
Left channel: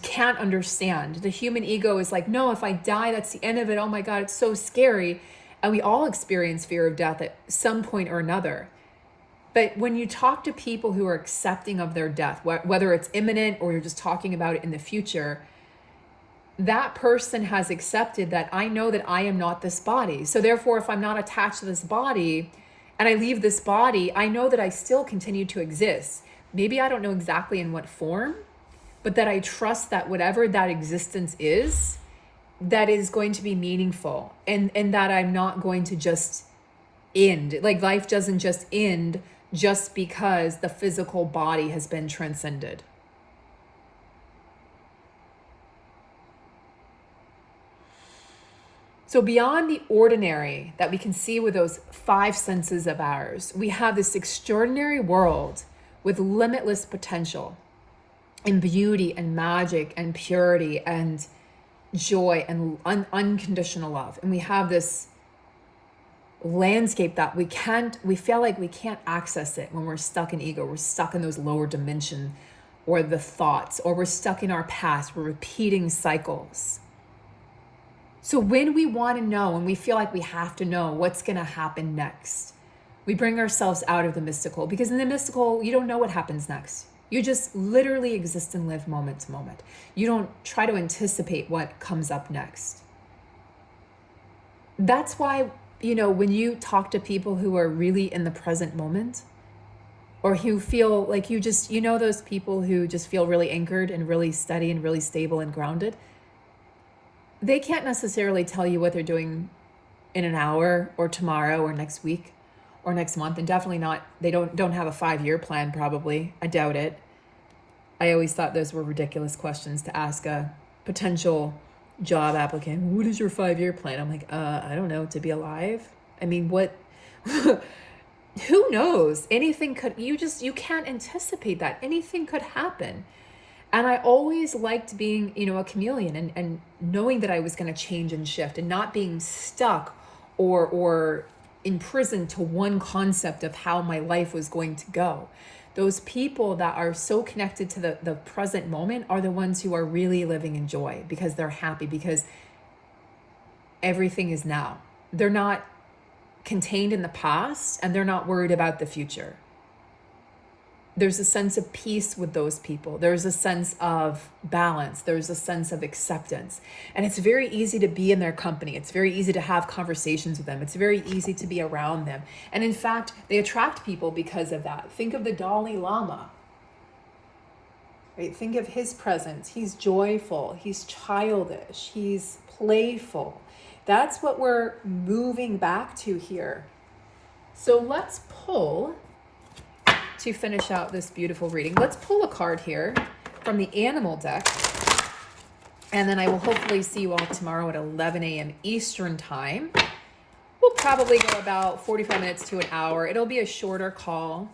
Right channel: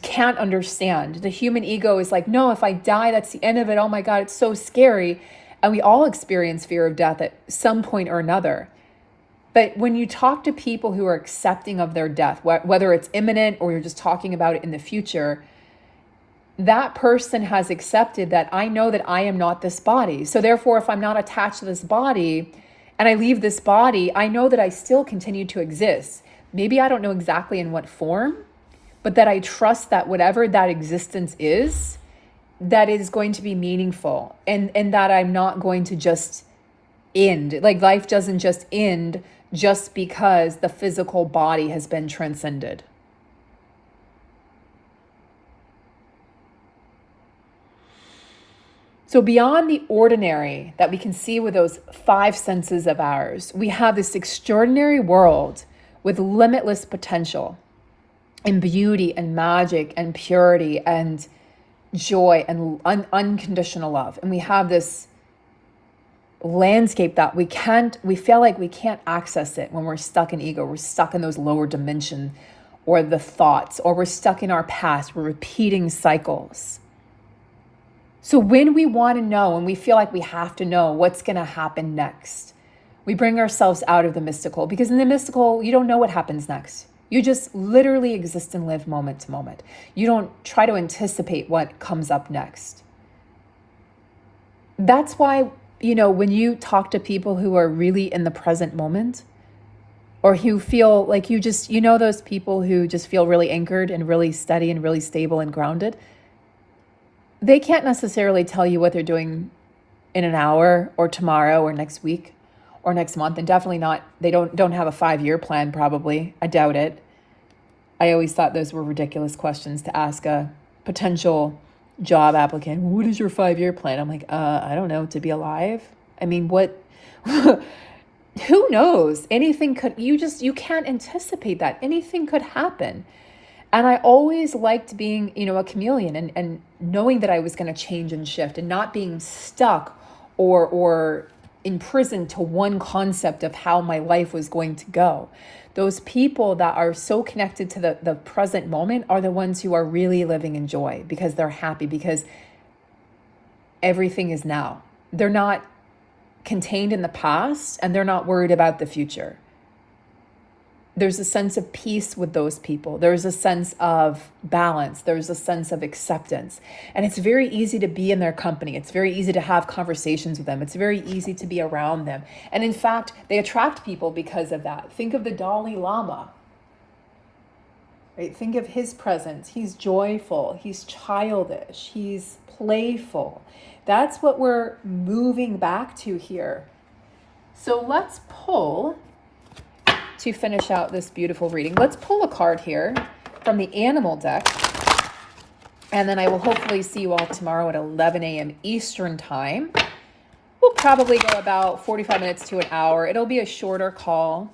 can't understand. The human ego is like, no, if I die, that's the end of it. Oh my God, it's so scary. And we all experience fear of death at some point or another. But when you talk to people who are accepting of their death, whether it's imminent or you're just talking about it in the future, that person has accepted that I know that I am not this body. So therefore, if I'm not attached to this body and I leave this body, I know that I still continue to exist. Maybe I don't know exactly in what form, but that I trust that whatever that existence is, that is going to be meaningful and that I'm not going to just end. Like life doesn't just end just because the physical body has been transcended. So beyond the ordinary that we can see with those five senses of ours, we have this extraordinary world with limitless potential and beauty and magic and purity and joy and unconditional love. And we have this landscape that we feel like we can't access it when we're stuck in ego. We're stuck in those lower dimension or the thoughts, or we're stuck in our past. We're repeating cycles. So when we want to know and we feel like we have to know what's going to happen next, we bring ourselves out of the mystical, because in the mystical, you don't know what happens next. You just literally exist and live moment to moment. You don't try to anticipate what comes up next. That's why, when you talk to people who are really in the present moment, or who feel like those people who just feel really anchored and really steady and really stable and grounded, they can't necessarily tell you what they're doing in an hour or tomorrow or next week or next month. And definitely not, they don't have a 5-year plan probably. I doubt it. I always thought those were ridiculous questions to ask a potential job applicant. What is your 5-year plan? I'm like, I don't know, to be alive. I mean, what, who knows? Anything could, you can't anticipate that. Anything could happen. And I always liked being, a chameleon and knowing that I was going to change and shift and not being stuck or imprisoned to one concept of how my life was going to go. Those people that are so connected to the present moment are the ones who are really living in joy, because they're happy, because everything is now. They're not contained in the past, and they're not worried about the future. There's a sense of peace with those people. There's a sense of balance. There's a sense of acceptance. And it's very easy to be in their company. It's very easy to have conversations with them. It's very easy to be around them. And in fact, they attract people because of that. Think of the Dalai Lama. Right? Think of his presence. He's joyful. He's childish. He's playful. That's what we're moving back to here. So let's pull, to finish out this beautiful reading, let's pull a card here from the animal deck. And then I will hopefully see you all tomorrow at 11 a.m. Eastern time. We'll probably go about 45 minutes to an hour. It'll be a shorter call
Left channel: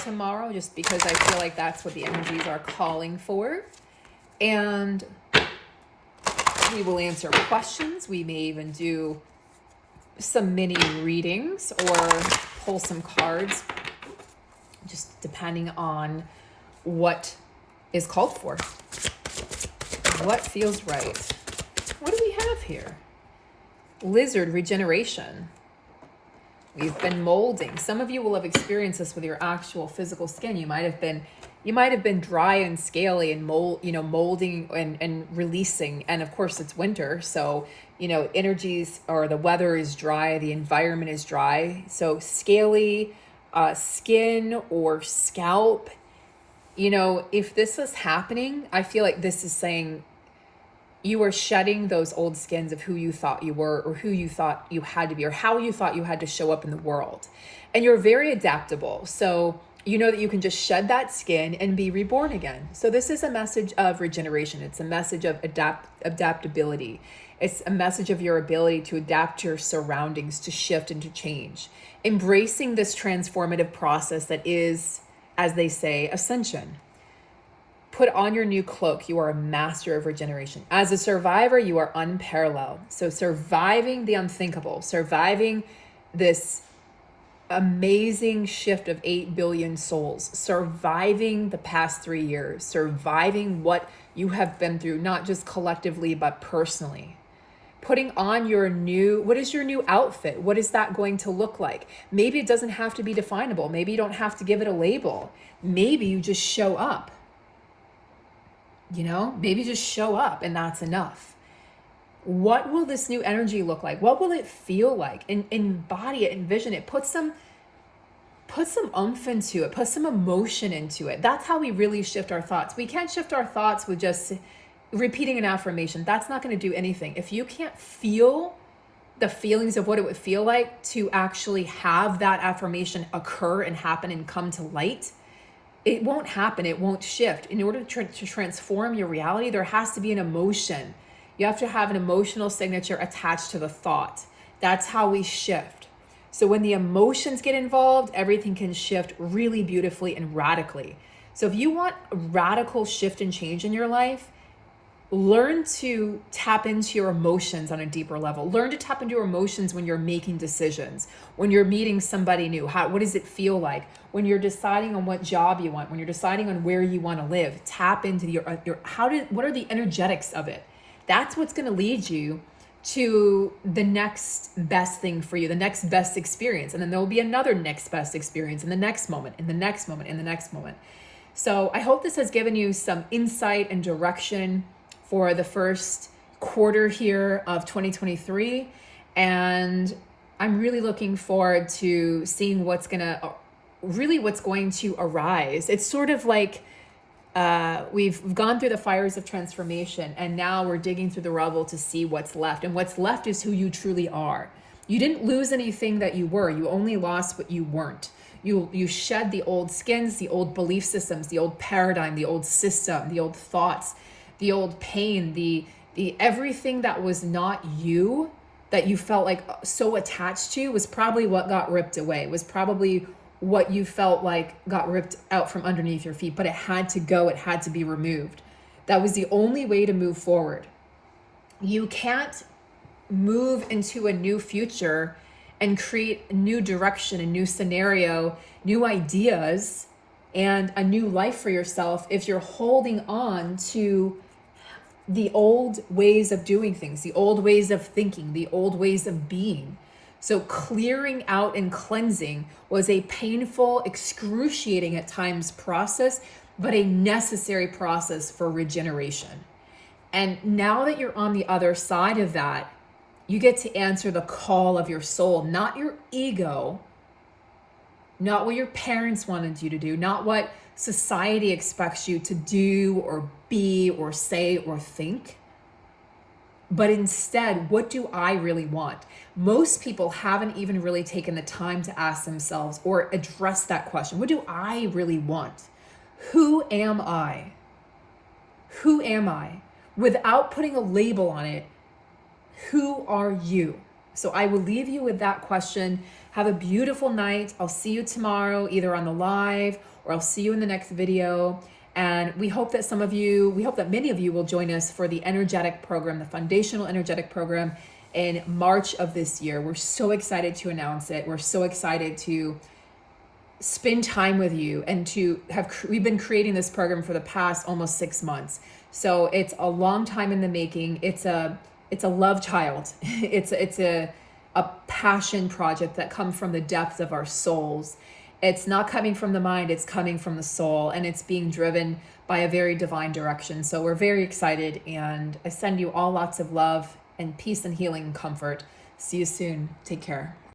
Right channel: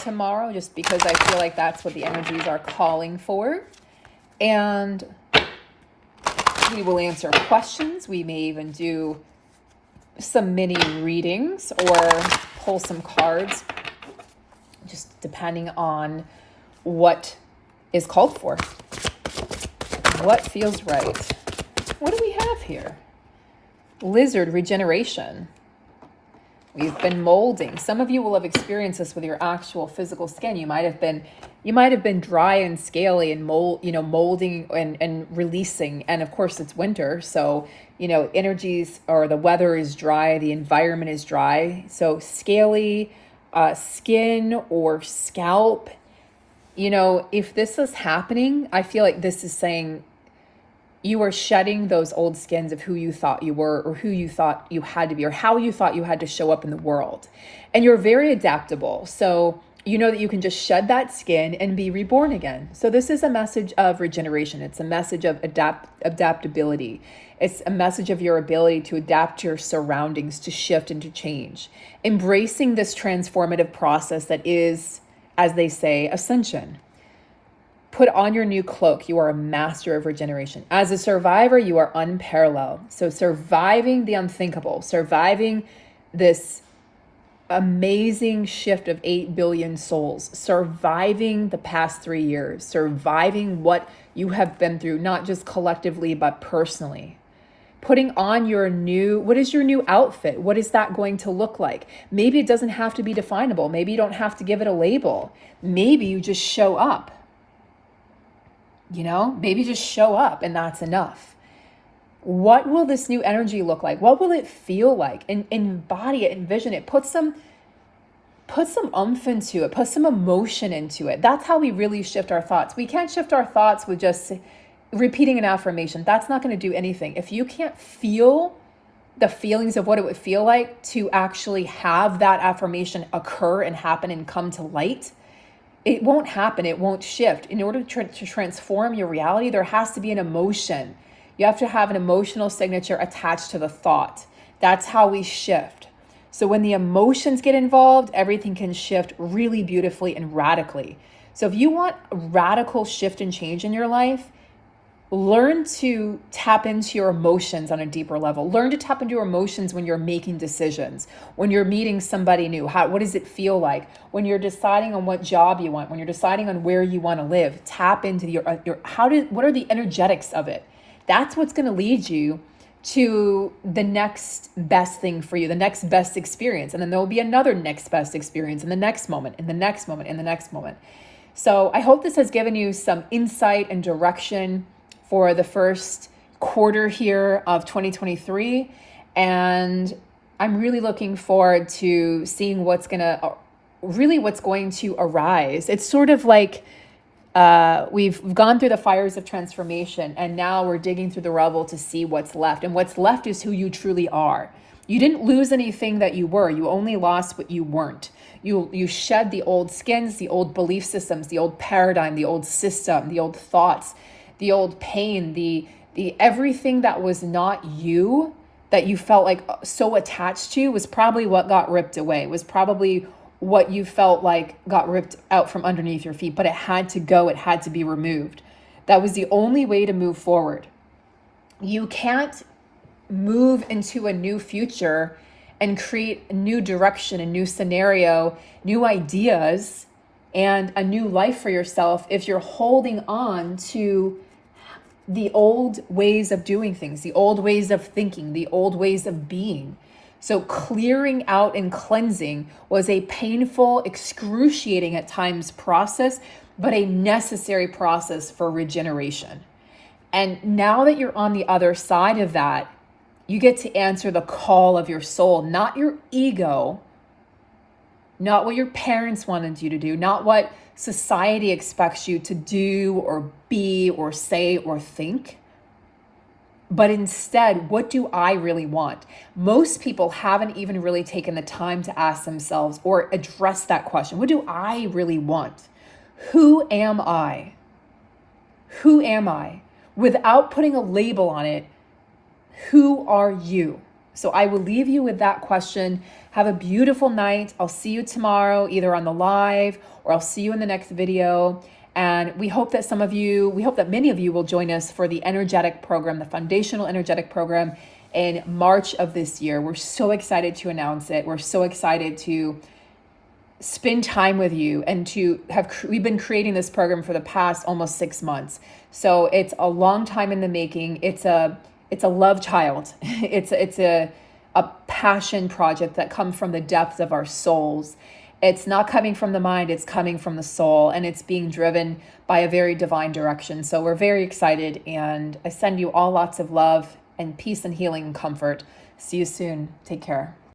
tomorrow, just because I feel like that's what the energies are calling for. And we will answer questions. We may even do some mini readings or pull some cards, just depending on what is called for, what feels right. What do we have here? Lizard regeneration. We've been molding. Some of you will have experienced this with your actual physical skin. You might have been dry and scaly and molding and releasing. And of course it's winter, so energies, or the weather is dry, the environment is dry. So scaly skin or scalp, if this is happening, I feel like this is saying you are shedding those old skins of who you thought you were, or who you thought you had to be, or how you thought you had to show up in the world. And you're very adaptable. So you know that you can just shed that skin and be reborn again. So this is a message of regeneration. It's a message of adaptability. It's a message of your ability to adapt to your surroundings, to shift and to change. Embracing this transformative process that is, as they say, ascension. Put on your new cloak. You are a master of regeneration. As a survivor, you are unparalleled. So surviving the unthinkable, surviving this amazing shift of 8 billion souls, surviving the past 3 years, surviving what you have been through, not just collectively, but personally. Putting on what is your new outfit? What is that going to look like? Maybe it doesn't have to be definable. Maybe you don't have to give it a label. Maybe you just show up. Maybe just show up and that's enough. What will this new energy look like? What will it feel like? And embody it, envision it, put some oomph into it, put some emotion into it. That's how we really shift our thoughts. We can't shift our thoughts with just repeating an affirmation. That's not going to do anything. If you can't feel the feelings of what it would feel like to actually have that affirmation occur and happen and come to light, it won't happen. It won't shift. In order to transform your reality, there has to be an emotion. You have to have an emotional signature attached to the thought. That's how we shift. So when the emotions get involved, everything can shift really beautifully and radically. So if you want a radical shift and change in your life, learn to tap into your emotions on a deeper level. Learn to tap into your emotions when you're making decisions, when you're meeting somebody new. What does it feel like? When you're deciding on what job you want, when you're deciding on where you want to live, tap into what are the energetics of it? That's what's going to lead you to the next best thing for you, the next best experience. And then there will be another next best experience in the next moment, in the next moment, in the next moment. So I hope this has given you some insight and direction for the first quarter here of 2023. And I'm really looking forward to seeing what's going to arise. It's sort of like we've gone through the fires of transformation, and now we're digging through the rubble to see what's left. And what's left is who you truly are. You didn't lose anything that you were. You only lost what you weren't. You shed the old skins, the old belief systems, the old paradigm, the old system, the old thoughts, the old pain, the everything that was not you, that you felt like so attached to, was probably what got ripped away, was probably what you felt like got ripped out from underneath your feet, but it had to go, it had to be removed. That was the only way to move forward. You can't move into a new future and create a new direction, a new scenario, new ideas, and a new life for yourself if you're holding on to the old ways of doing things, the old ways of thinking, the old ways of being. So clearing out and cleansing was a painful, excruciating at times process, but a necessary process for regeneration. And now that you're on the other side of that, you get to answer the call of your soul, not your ego, not what your parents wanted you to do, not what society expects you to do or be or say or think, but instead, what do I really want? Most people haven't even really taken the time to ask themselves or address that question. What do I really want? Who am I? Who am I? Without putting a label on it, who are you? So I will leave you with that question. Have a beautiful night. I'll see you tomorrow, either on the live or I'll see you in the next video. And we hope that many of you will join us for the energetic program, the foundational energetic program in March of this year. We're so excited to announce it. We're so excited to spend time with you and we've been creating this program for the past almost 6 months. So it's a long time in the making. It's a love child. It's a passion project that comes from the depths of our souls. It's not coming from the mind, it's coming from the soul, and it's being driven by a very divine direction. So we're very excited, and I send you all lots of love and peace and healing and comfort. See you soon. Take care.